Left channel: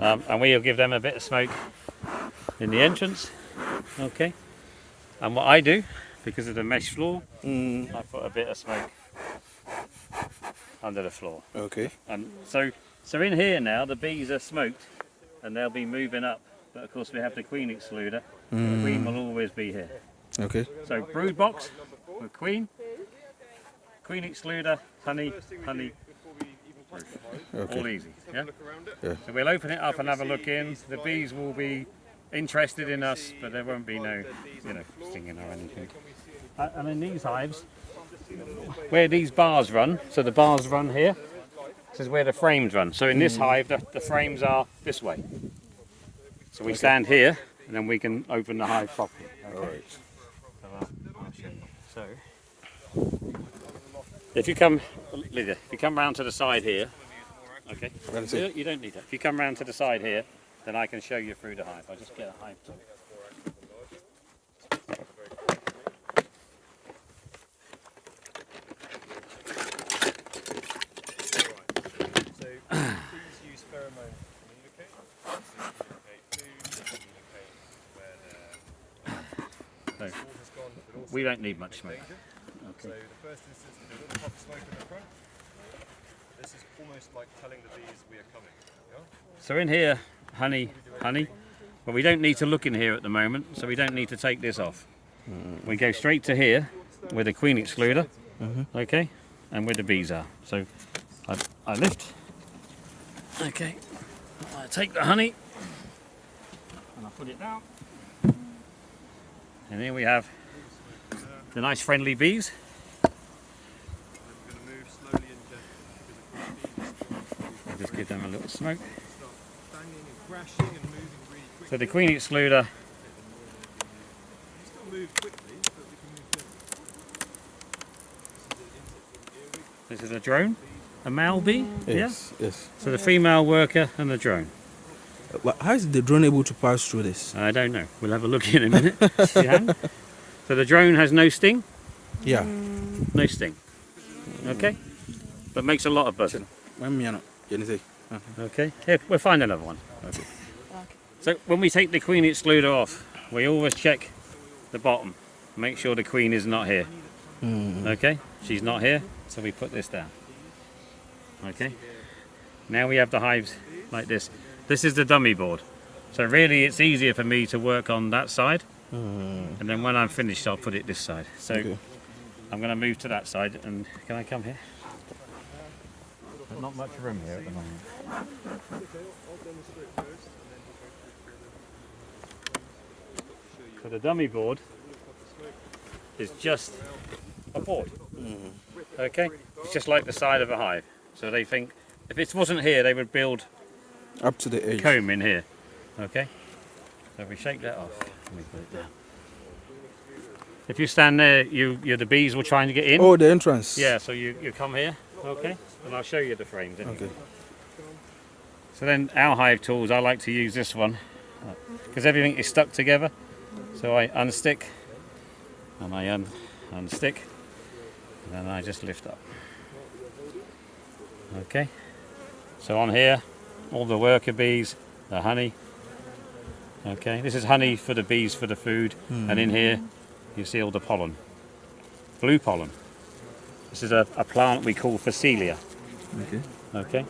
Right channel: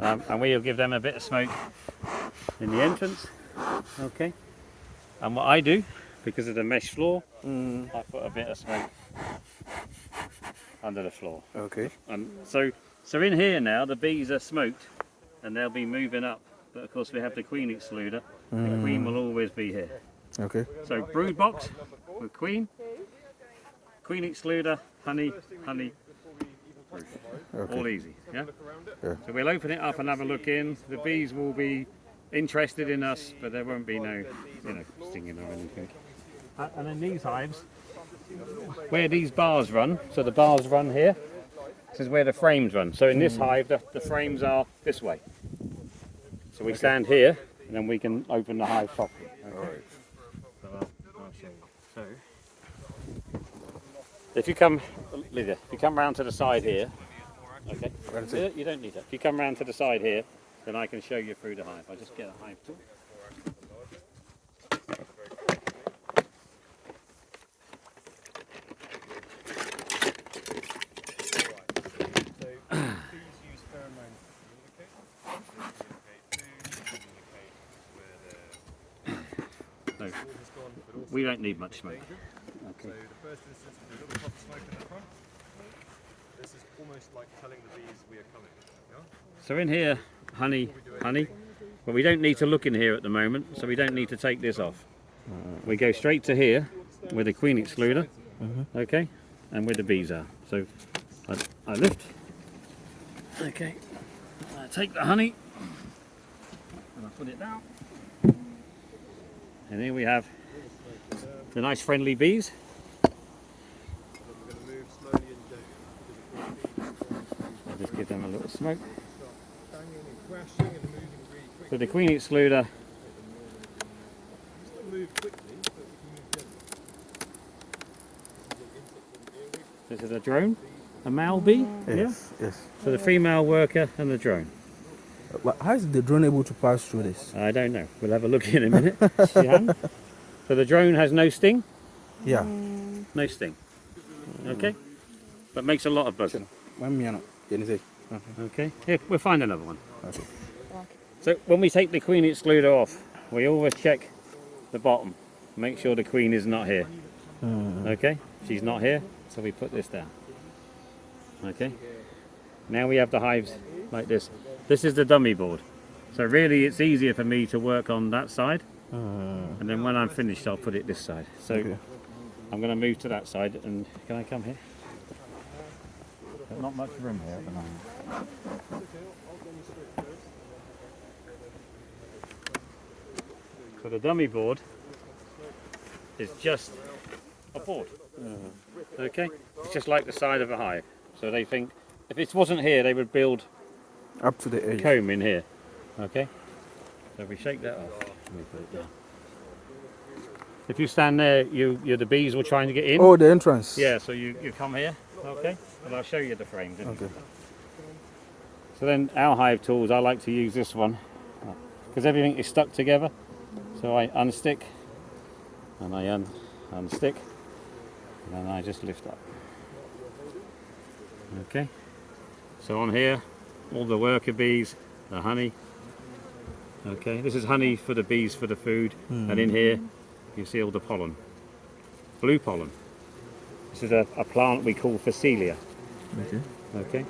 And we'll give them a bit of smoke in the entrance. Okay. And what I do, because of the mesh floor, I put a bit of smoke under the floor. Okay. And so in here now, the bees are smoked, and they'll be moving up. But of course, we have the queen excluder. The queen will always be here. Okay. So brood box with queen excluder, honey, brood. Okay. All easy. Yeah? Yeah. So we'll open it up and have a look in. The bees will be interested in us, but there won't be no, stinging or anything. And in these hives, where these bars run, so the bars run here, this is where the frames run. So in this hive, the frames are this way. So we stand here, and then we can open the hive properly. Okay. All right. I'll show you. So, if you come, Lydia, if you come round to the side here, okay, you don't need it. If you come round to the side here, then I can show you through the hive. I'll just get a hive tool. So, we don't need much smoke. Okay. So in here, honey, but we don't need to look in here at the moment, so we don't need to take this off. We go straight to here with the queen excluder, okay, and where the bees are. So I lift, okay, I take the honey, and I put it down, and here we have the nice friendly bees. I'll just give them a little smoke. So the queen excluder, this is a drone, a male bee, Yes. Yes. So the female worker and the drone. Well, how is the drone able to pass through this? I don't know, we'll have a look in a minute. So the drone has no sting? Yeah. No sting. Okay, that makes a lot of buzzing. Okay, here, we'll find another one. Okay. So when we take the queen excluder off, we always check the bottom, make sure the queen is not here. Okay, she's not here, so we put this down. Okay, now we have the hives like this. This is the dummy board, so really it's easier for me to work on that side, and then when I'm finished I'll put it this side. So I'm going to move to that side, and can I come here? But not much room here at the moment. So the dummy board is just a board. Okay, it's just like the side of a hive. So they think if it wasn't here, they would build Up to the edge. comb in here. Okay, so if we shake that off, we put it down. If you stand there, the bees will trying to get in. Oh, the entrance. Yeah, so you come here, okay, and I'll show you the frames. Anyway. Okay. So then our hive tools, I like to use this one because everything is stuck together. So I unstick, and I unstick, and then I just lift up. Okay. So on here, all the worker bees, the honey. Okay, this is honey for the bees for the food, and in here you see all the pollen, blue pollen. This is a plant we call Phacelia. Okay. Okay,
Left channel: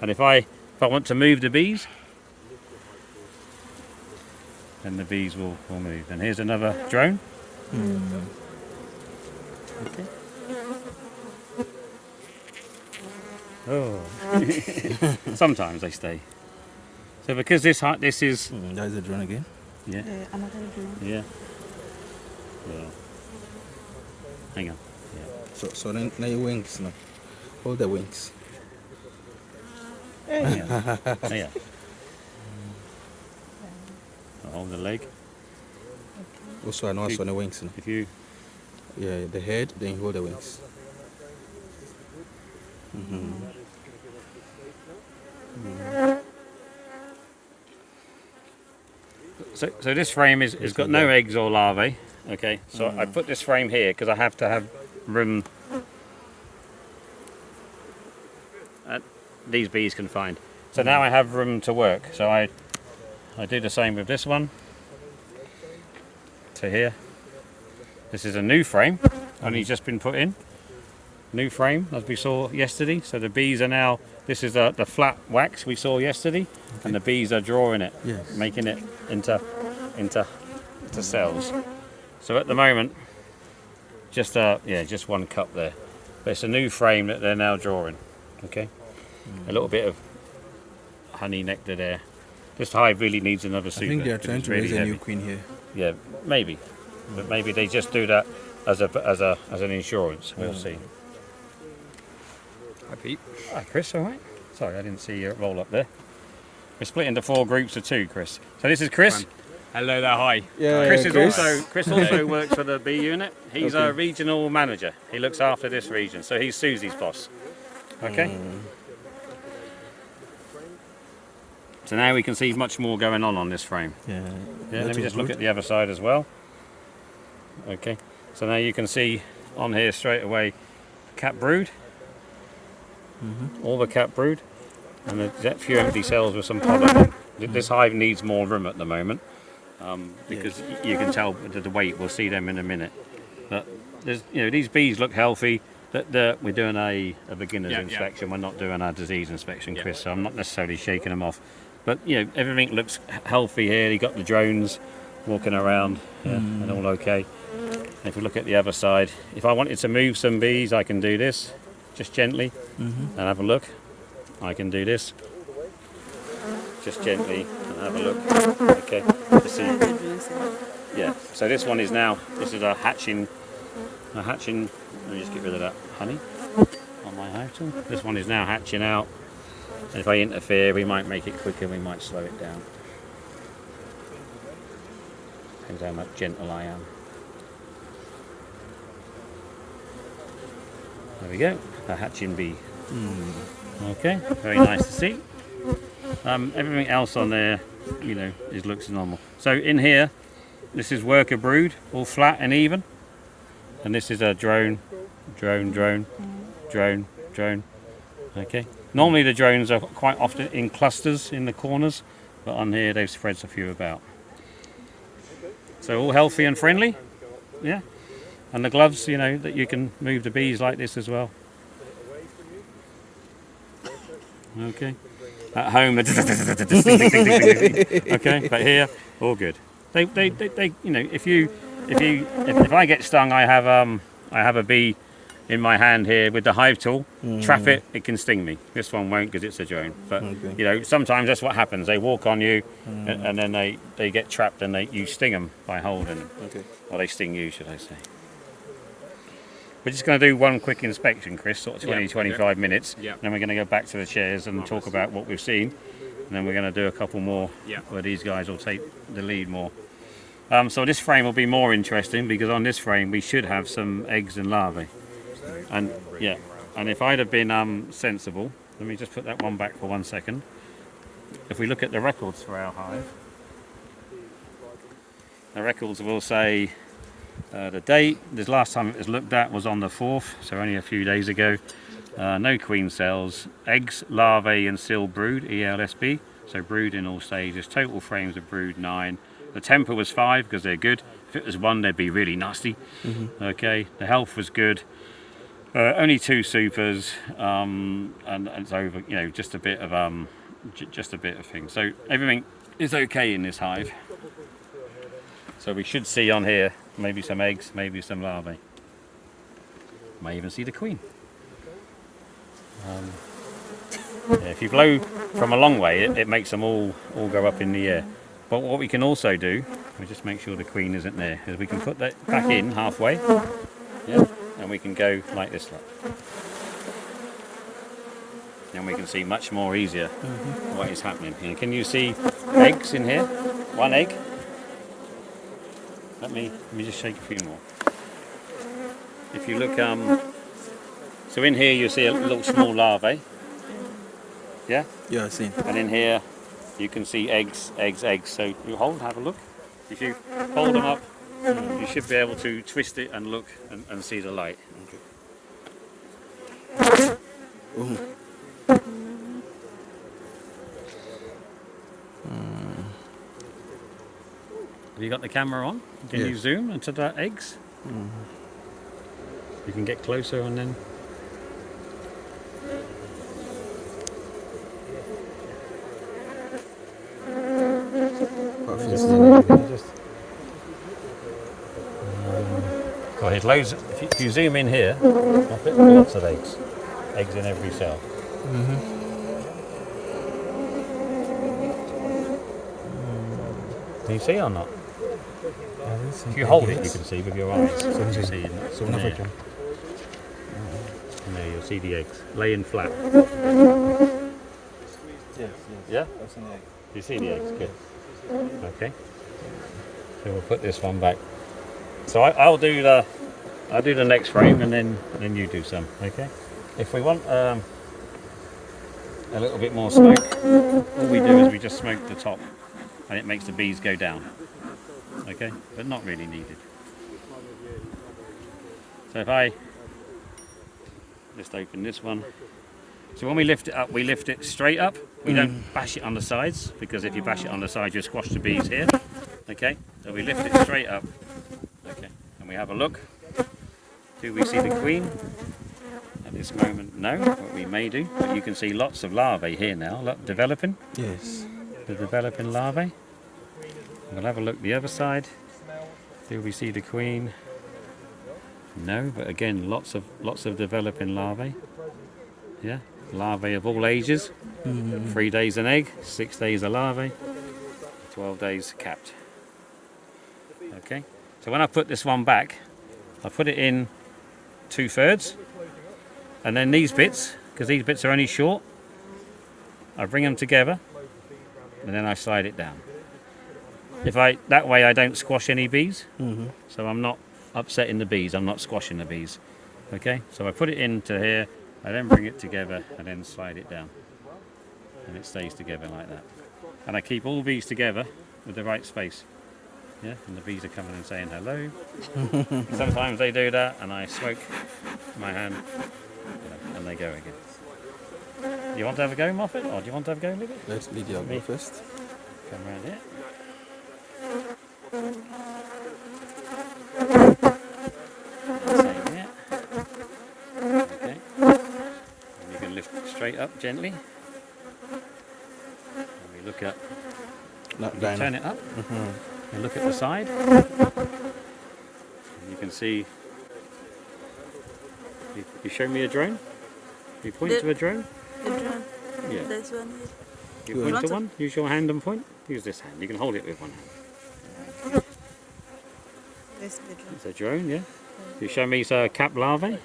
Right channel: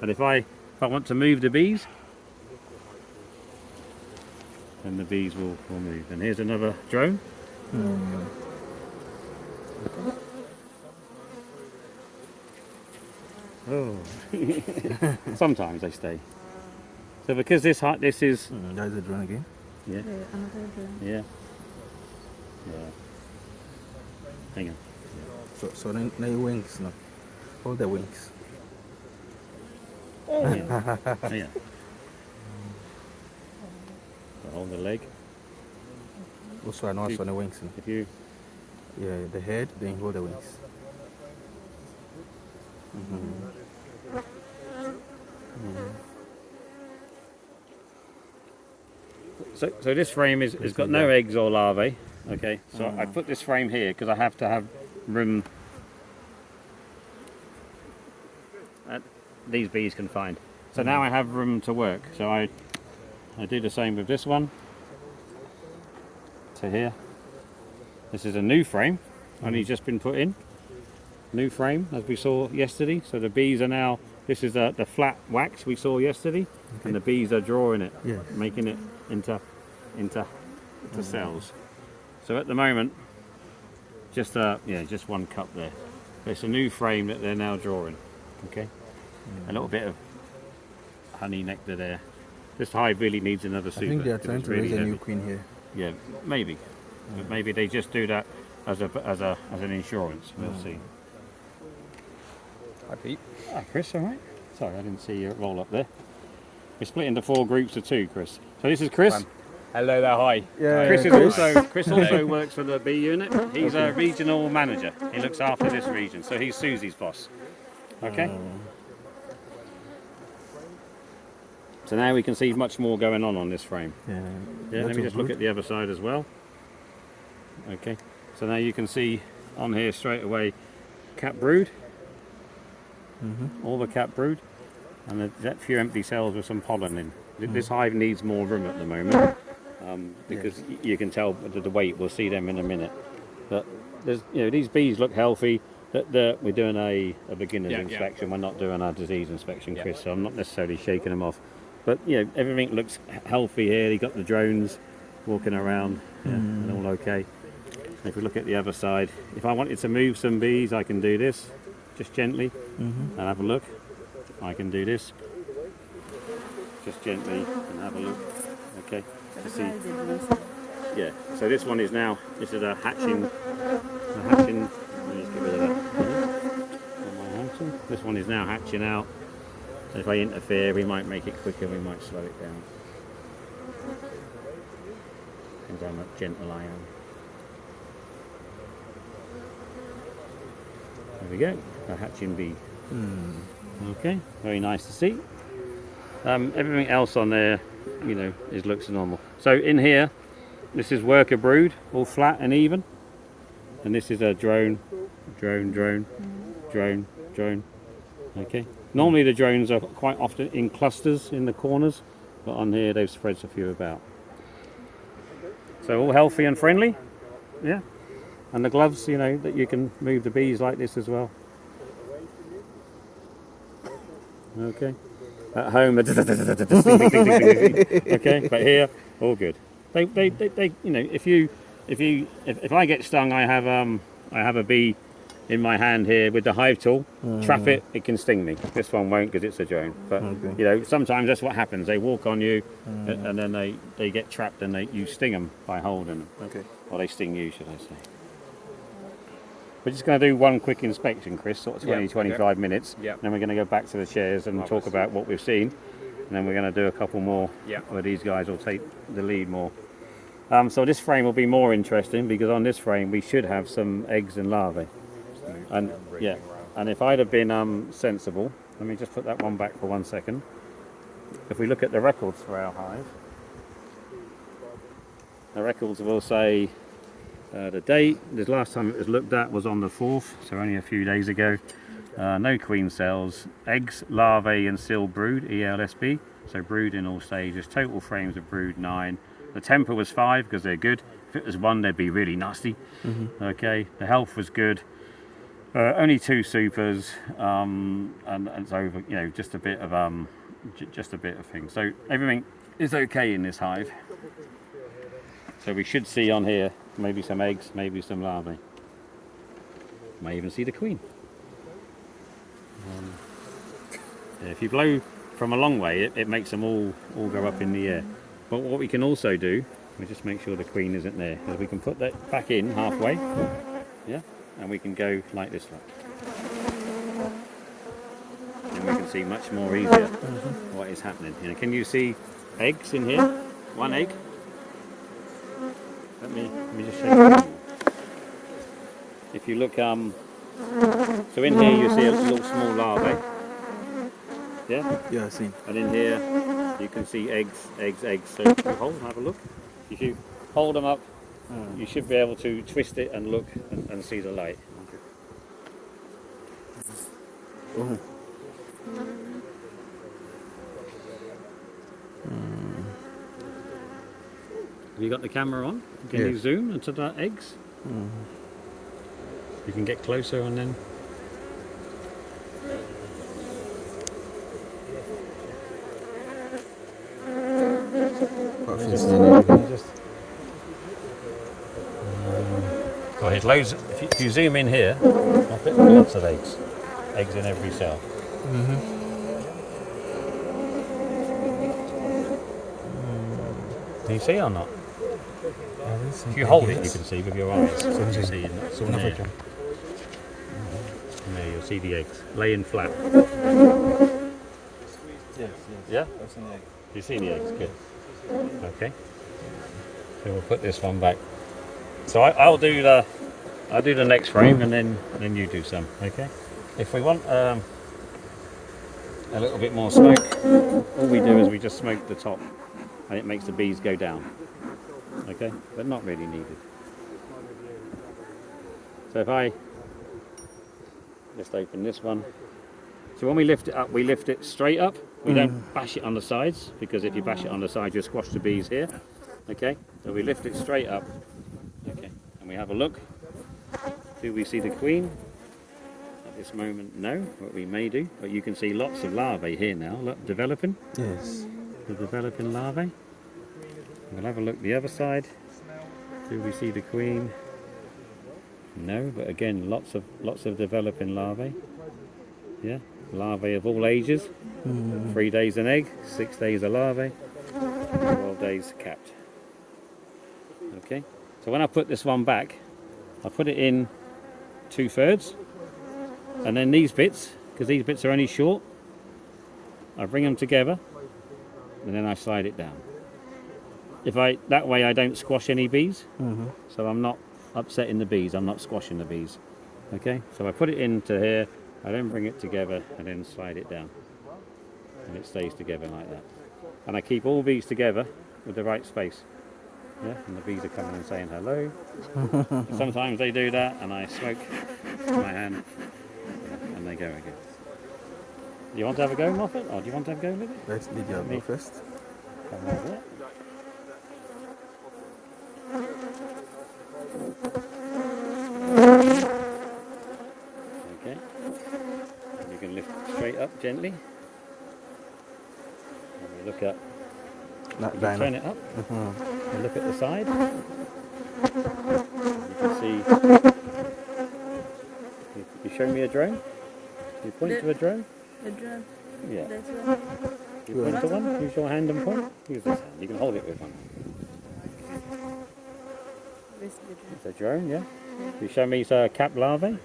and if I want to move the bees, then the bees will move. And here's another drone. Okay. Oh, sometimes they stay. So because this is That's the drone again. yeah. Yeah. Hang on. So then your wings now. Hold the wings. Yeah. Hold the leg. Also, I know on the wings now. If you Yeah, the head, then you hold the wings. so this frame has got no eggs or larvae. Okay, so I put this frame here because I have to have room these bees can find. So now I have room to work. So I do the same with this one. To here. This is a new frame, only just been put in. New frame, as we saw yesterday. So the bees are now, this is the flat wax we saw yesterday, and the bees are drawing it, making it into cells. So at the moment, just one cup there. But it's a new frame that they're now drawing. Okay, a little bit of honey nectar there. This hive really needs another super. I think they are trying to raise a heavy. new queen here. Yeah, maybe, but maybe they just do that as an insurance. We'll see. Hi Pete. Hi Chris. All right. Sorry, I didn't see you roll up there. We're split into 4 groups of 2, Chris. So this is Chris. Hello there. Hi. Yeah, Chris also works for the bee unit. He's a regional manager. He looks after this region, so he's Susie's boss. Okay. So now we can see much more going on this frame. Yeah. Let me just look at the other side as well. Okay. So now you can see on here straight away cap brood. All the cap brood, and there's a few empty cells with some pollen in. This hive needs more room at the moment because you can tell the weight. We'll see them in a minute. But there's, these bees look healthy. We're doing a beginner's inspection. We're not doing a disease inspection, Chris. So I'm not necessarily shaking them off. But everything looks healthy here. You got the drones walking around, and all okay. And if we look at the other side, if I wanted to move some bees, I can do this. Just gently and have a look. I can do this. Just gently and have a look. Okay. To see. Yeah. So this one is now. This is a hatching. Let me just get rid of that honey on my item. This one is now hatching out. If I interfere, we might make it quicker. We might slow it down. Depends how much gentle I am. There we go, a hatching bee. Okay, very nice to see. Everything else on there, looks normal. So in here, this is worker brood, all flat and even. And this is a drone. Okay. Normally the drones are quite often in clusters in the corners, but on here they've spread a few about. So all healthy and friendly, yeah. And the gloves, that you can move the bees like this as well. Okay. At home, okay. But here, all good. They if I get stung, I have a bee in my hand here with the hive tool. Trap it, it can sting me. This one won't because it's a drone. But sometimes that's what happens. They walk on you, and then they get trapped, and you sting them by holding them. Okay. Or they sting you, should I say. We're just going to do one quick inspection, Chris, sort of 25 minutes. Yeah. Then we're going to go back to the chairs and talk about what we've seen. And then we're going to do a couple more where these guys will take the lead more. So this frame will be more interesting because on this frame we should have some eggs and larvae. And if I'd have been sensible, let me just put that one back for 1 second. If we look at the records for our hive, the records will say the date. This last time it was looked at was on the 4th, so only a few days ago. No queen cells, eggs, larvae and still brood, ELSB, so brood in all stages. Total frames of brood 9. The temper was 5 because they're good. If it was 1, they'd be really nasty. Okay, the health was good. Only 2 supers, and it's over. Just a bit of things. So everything is okay in this hive. So we should see on here maybe some eggs, maybe some larvae. May even see the queen. If you blow from a long way, it makes them all go up in the air. But what we can also do, we just make sure the queen isn't there, because we can put that back in halfway, and we can go like this. Then we can see much more easier what is happening. Can you see eggs in here? 1 egg. Let me just show you. If you look, so in here you see a little small larvae. Yeah? Yeah, I've seen. And in here you can see eggs. So you have a look. If you hold them up, you should be able to twist it and look and see the light. Oh. Have you got the camera on? Can Yes. you zoom into the eggs? You can get closer and then... What feels in it? Oh, there's loads. If you zoom in here, lots of eggs. Eggs in every cell. Can you see or not? If you hold it, you can see with your eyes. So you see in there. No, you'll see the eggs laying flat. Yeah? You see the eggs? Good. Okay. So we'll put this one back. So I'll do the next frame and then you do some. Okay. If we want a little bit more smoke, all we do is we just smoke the top, and it makes the bees go down. Okay, but not really needed. So if I just open this one. So when we lift it up, we lift it straight up. We don't bash it on the sides, because if you bash it on the sides, you squash the bees here. Okay, so we lift it straight up. Okay, and we have a look. Do we see the queen? At this moment, no, but we may do. But you can see lots of larvae here now, look, developing. Yes. The developing larvae. We'll have a look the other side. Do we see the queen? No, but again, lots of developing larvae. Yeah, larvae of all ages. 3 days an egg, 6 days a larvae, 12 days capped. Okay, so when I put this one back, I put it in 2/3, and then these bits, because these bits are only short, I bring them together, and then I slide it down. That way I don't squash any bees, so I'm not upsetting the bees, I'm not squashing the bees. Okay, so I put it into here, I then bring it together and then slide it down, and it stays together like that. And I keep all these together with the right space. Yeah, and the bees are coming and saying hello. Sometimes they do that, and I smoke my hand, and they go again. Do you want to have a go, Moffat, or do you want to have a go with it? Let Lydia go first. Come right there. Okay. And you can lift it straight up gently. And you look at. Not You down. turn it up. You look at the side. You can see. You show me a drone. You point to a drone. The drone. Yeah. That's one. You point to one. Use your hand and point. Use this hand. You can hold it with one hand. This the drone. It's a drone, yeah. You show me cap larvae.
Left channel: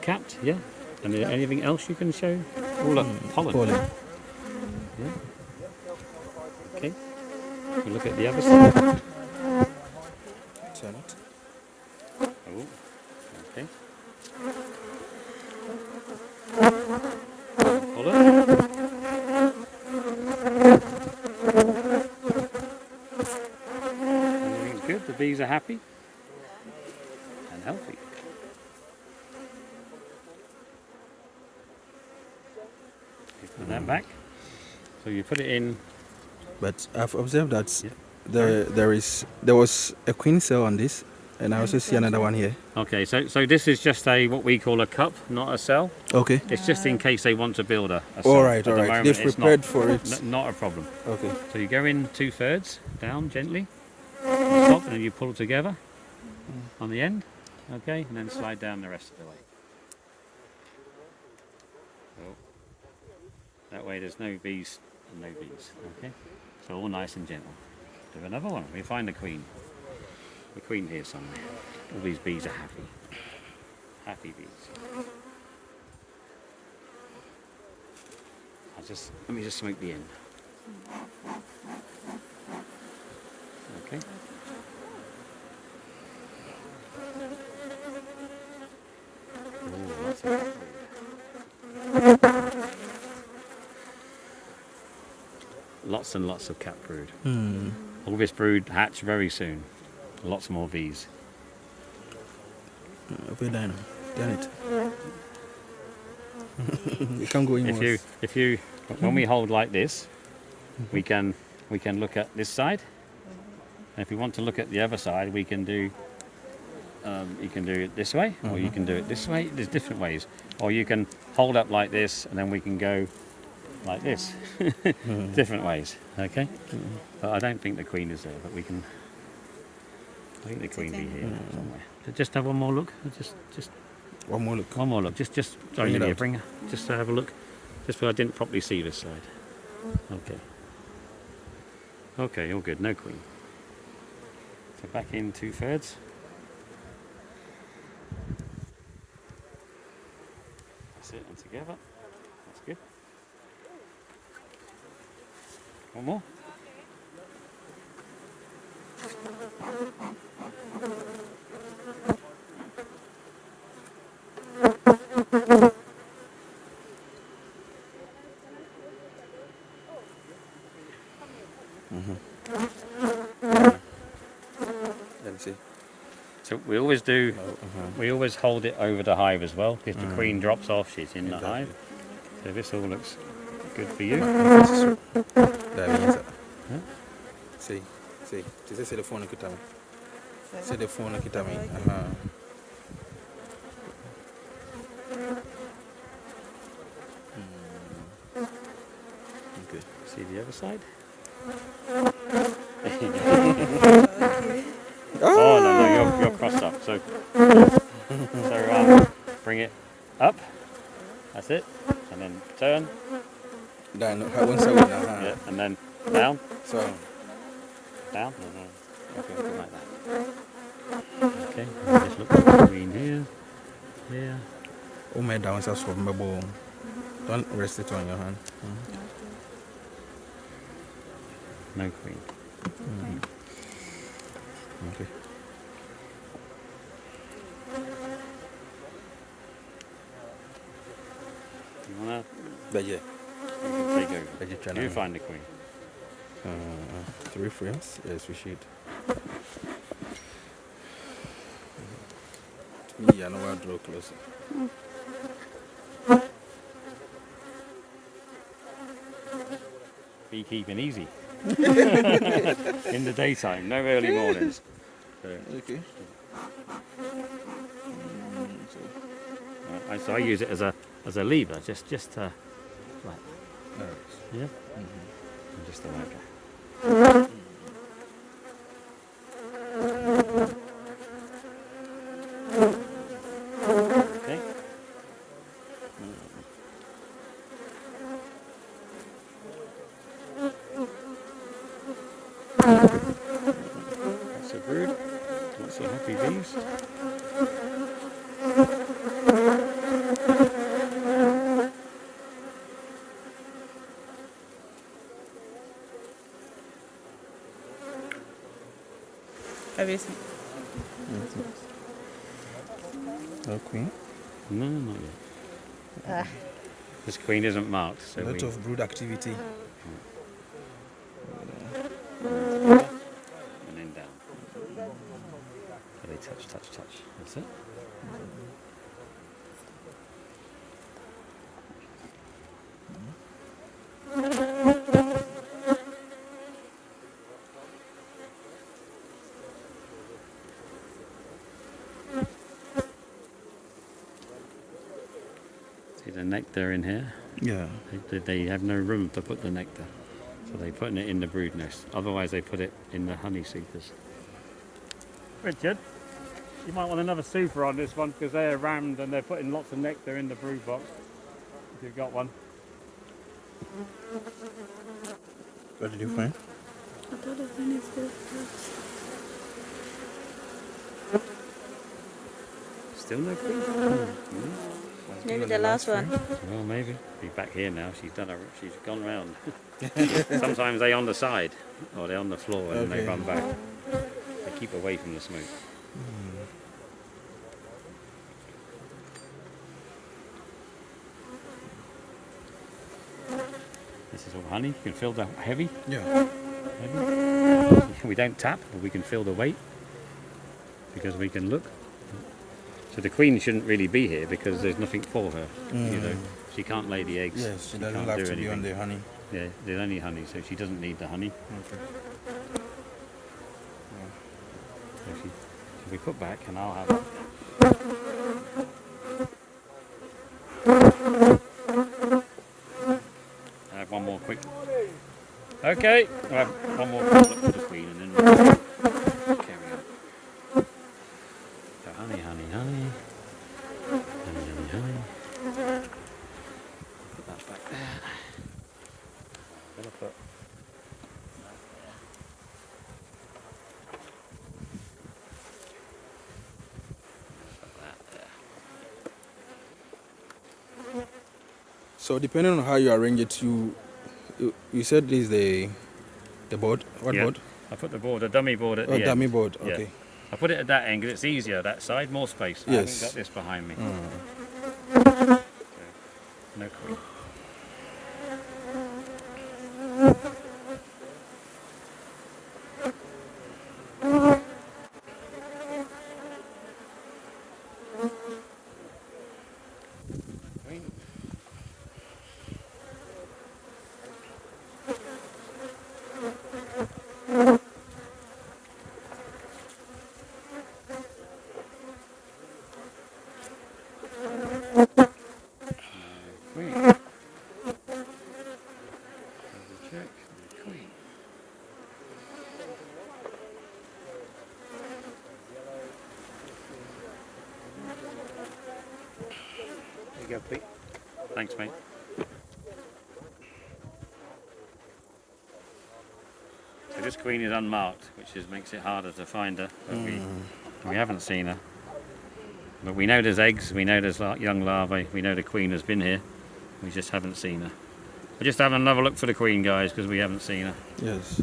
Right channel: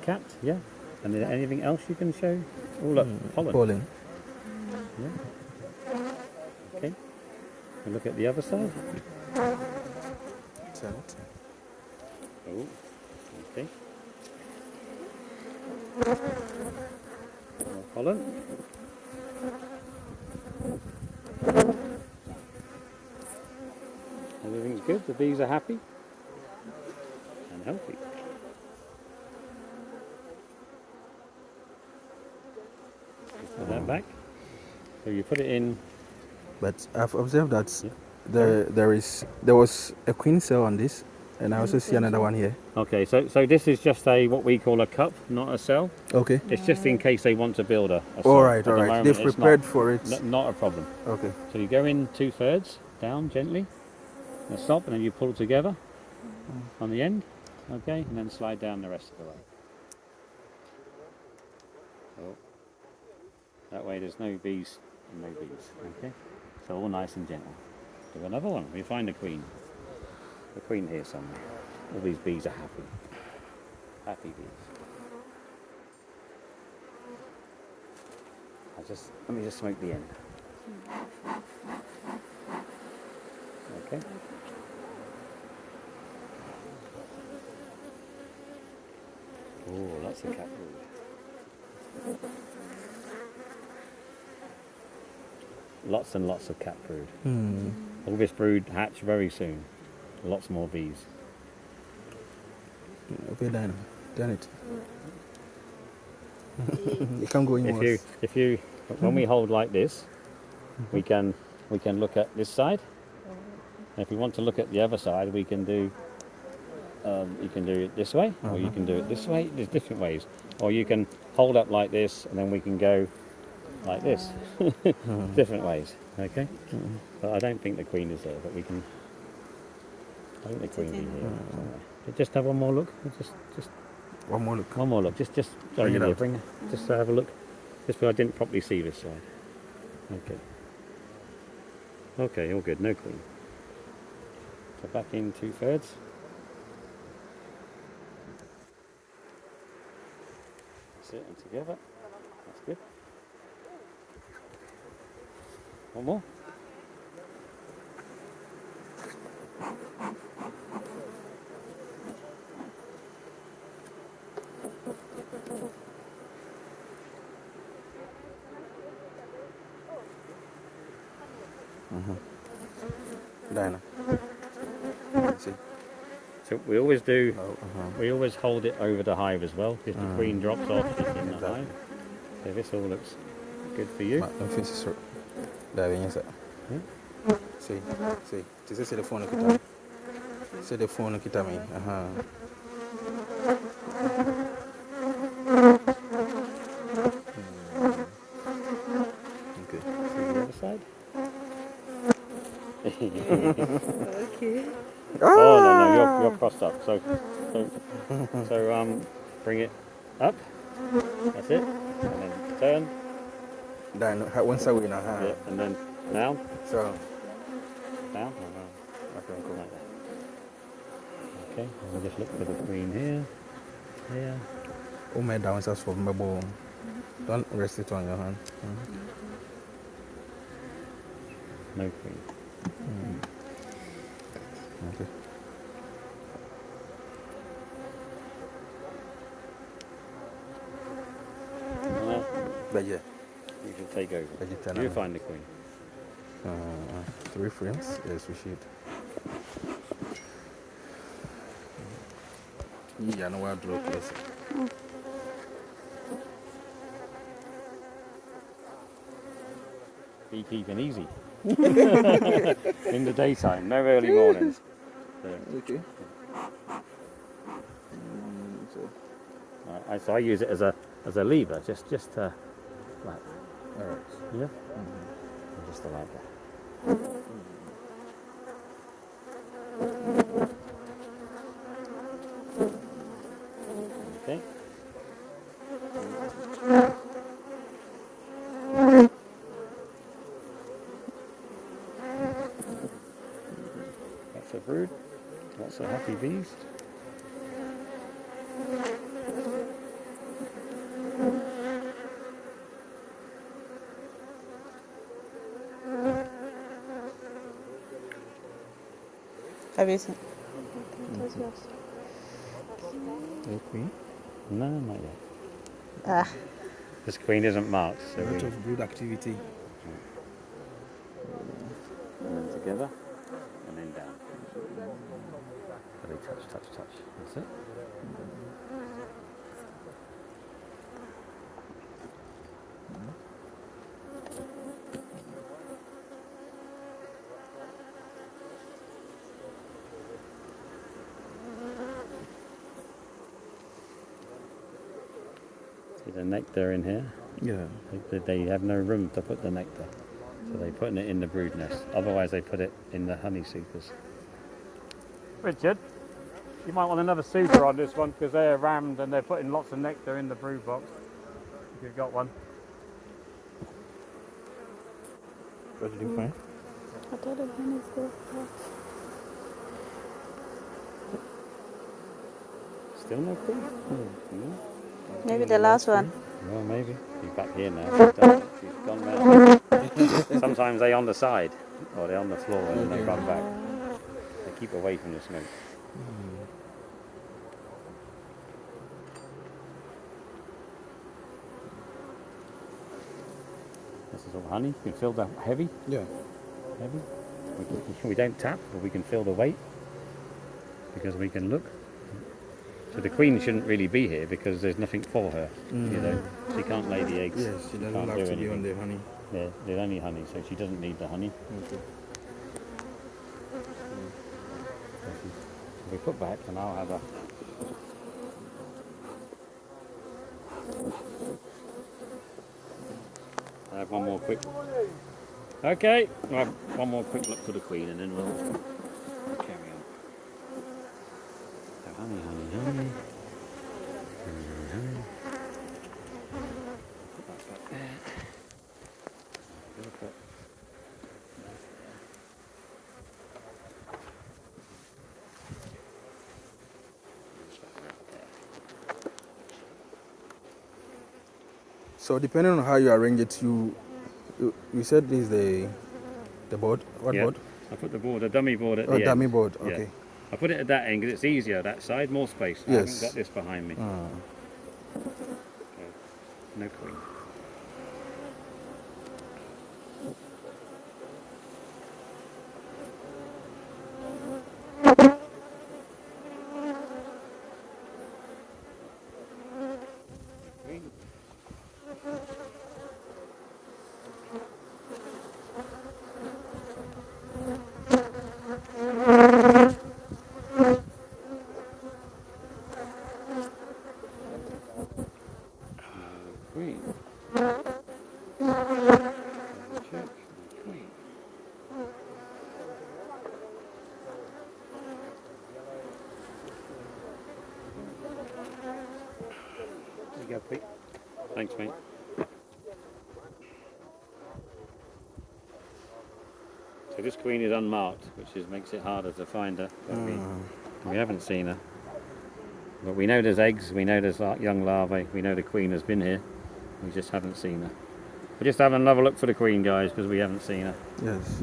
Capped, yeah. And then anything else you can show? Oh look, pollen. Pollen. Yeah. Okay. You look at the other side. Turn it. Ooh. Okay. Pollen. Everything's good. The bees are happy and healthy. Put that back. So you put it in. But I've observed that Yeah. there was a queen cell on this, and I also see another one here. Okay, so this is just what we call a cup, not a cell. Okay. It's just in case they want to build a cell. All right, At the all right. moment, They've it's prepared not, for it. Not a problem. Okay. So you go in 2/3 down gently, on the top, and then you pull together on the end. Okay, and then slide down the rest of the way. So, that way there's no bees and no bees. Okay, so all nice and gentle. Do another one. We find the queen. The queen here somewhere. All these bees are happy. Happy bees. Let me just smoke the end. Okay. Oh, lots of cat brood. Lots and lots of cat brood. All this brood hatch very soon. Lots more bees. Okay, Dino. Done it. You can't go in once. If you, when we hold like this, we can look at this side. And if we want to look at the other side, we can do. You can do it this way, or you can do it this way. There's different ways, or you can hold up like this, and then we can go like this. Different ways. Okay. But I don't think the queen is there, but we can. I think the queen be here. Just have one more look. Just One more look. one more look. Just sorry, Bring it Lydia, out. bring her. Just to have a look. Just because I didn't properly see this side. Okay. Okay, all good. No queen. So back in 2/3. Sit them together. That's good. One more. See. So we always do. Oh, We always hold it over the hive as well. If the queen drops off, she's in the Exactly. hive. So this all looks good for you. Dai, vieni sa. Sì, sì. Ti sei le phone kita mi. Se le phone kita mi. Okay. See the other side. Ah! No, you're crossed up. So bring it up. That's it. And then turn. Dan, one side win. Yeah, and then down. So, Down. okay. Like that. Okay. And just look for the queen here. Here. Oh, my down is also my ball. Don't rest it on your hand. No queen. Okay. Yeah. But yeah, You can take over. but you can. You find the queen. 3 frames. Yes, we should. Me, I know I'll draw closer. Beekeeping easy. In the daytime, no early mornings. So, Okay. so I use it as a lever, just Alright. yeah, just like it. Okay. That's a brood. That's a happy bees. Have you seen? No queen. No, not yet. Ah, This queen isn't marked, so A we lot of brood activity. together and then down. So they touch. That's it. See the nectar in here? Yeah. They have no room to put the nectar, so they're putting it in the brood nest. Otherwise, they put it in the honey seekers. Richard, you might want another super on this one because they're rammed and they're putting lots of nectar in the brood box. If you've got one. What did you find? I thought the one is there. Still no queen? Maybe the last one. Well, maybe. Be back here now. She's gone round. Sometimes they're on the side or they're on the floor and they run back. They keep away from the smoke. This is all honey. You can feel the heavy. Yeah. We don't tap, but we can feel the weight because we can look. So the queen shouldn't really be here because there's nothing for her. You know, she can't lay the eggs. Yes, she doesn't can't have do to be anything. on the honey. Yeah, there's only honey, so she doesn't need the honey. Okay. We put back and I'll have it. I have one more quick. Okay, we'll have one more quick look for the queen and then we'll carry on. So honey, honey, honey. Honey, honey, honey. Put that back there. So depending on how you arrange it, you said this is the board. What board? I put the board, a dummy board at the Oh, end. dummy board. Yeah. Okay. I put it at that end because it's easier that side, more space. I Yes. haven't got this behind me. No queen. Queen. Check. Queen. There you go, Pete. Thanks, mate. So this queen is unmarked, which makes it harder to find her. But we haven't seen her. But we know there's eggs, we know there's young larvae, we know the queen has been here. We just haven't seen her. We're just having another look for the queen, guys, because we haven't seen her. Yes.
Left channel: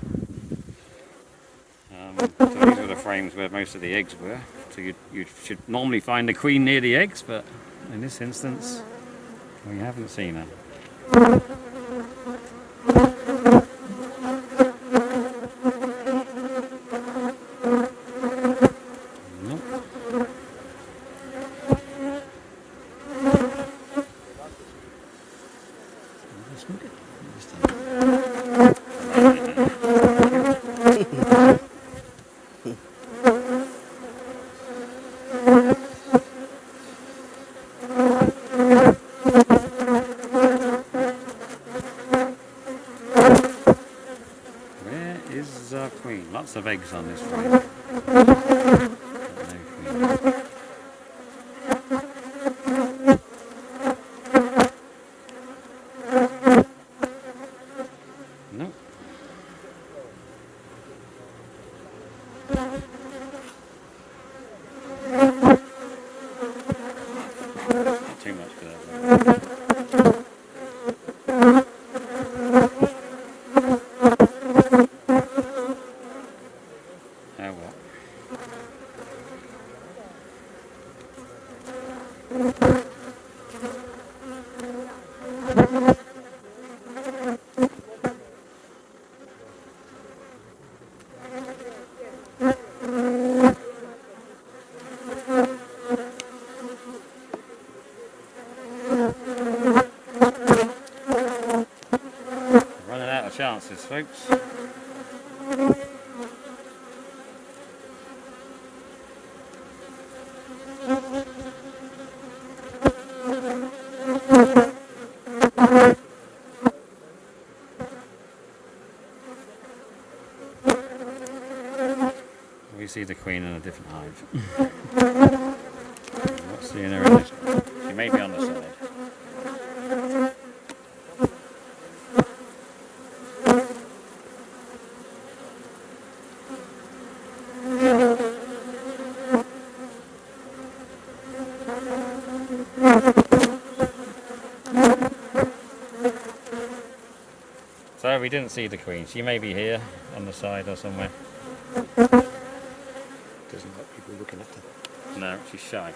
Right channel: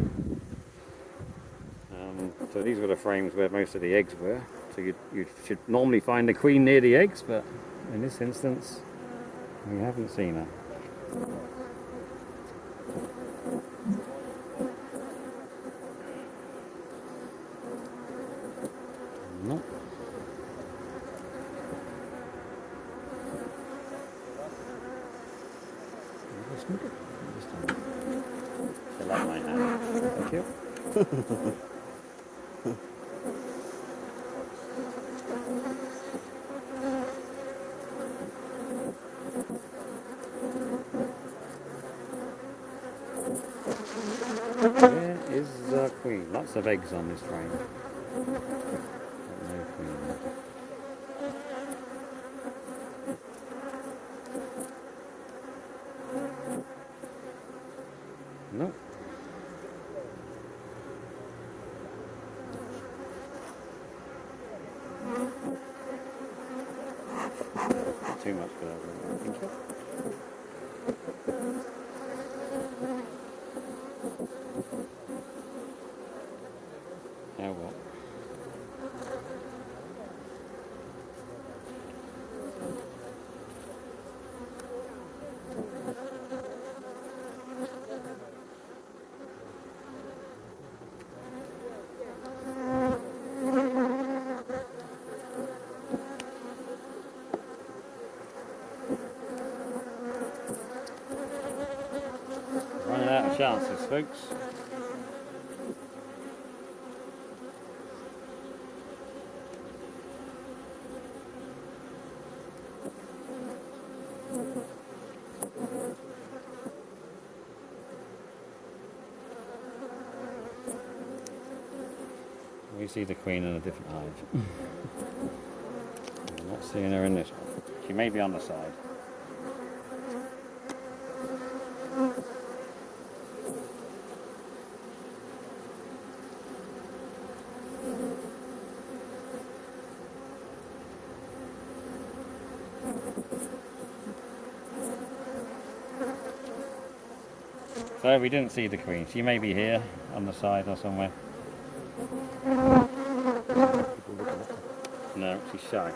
So these were the frames where most of the eggs were. So you should normally find the queen near the eggs, but in this instance, we haven't seen her. Nope. There is a queen. Lots of eggs on this frame. No queen. Nope. Too much for that one. Oh well. Running out of chances, folks. We see the queen in a different hive. I'm not seeing her in this one. She may be on the side. So we didn't see the queen. She may be here on the side or somewhere. People looking at her. No, she's shy.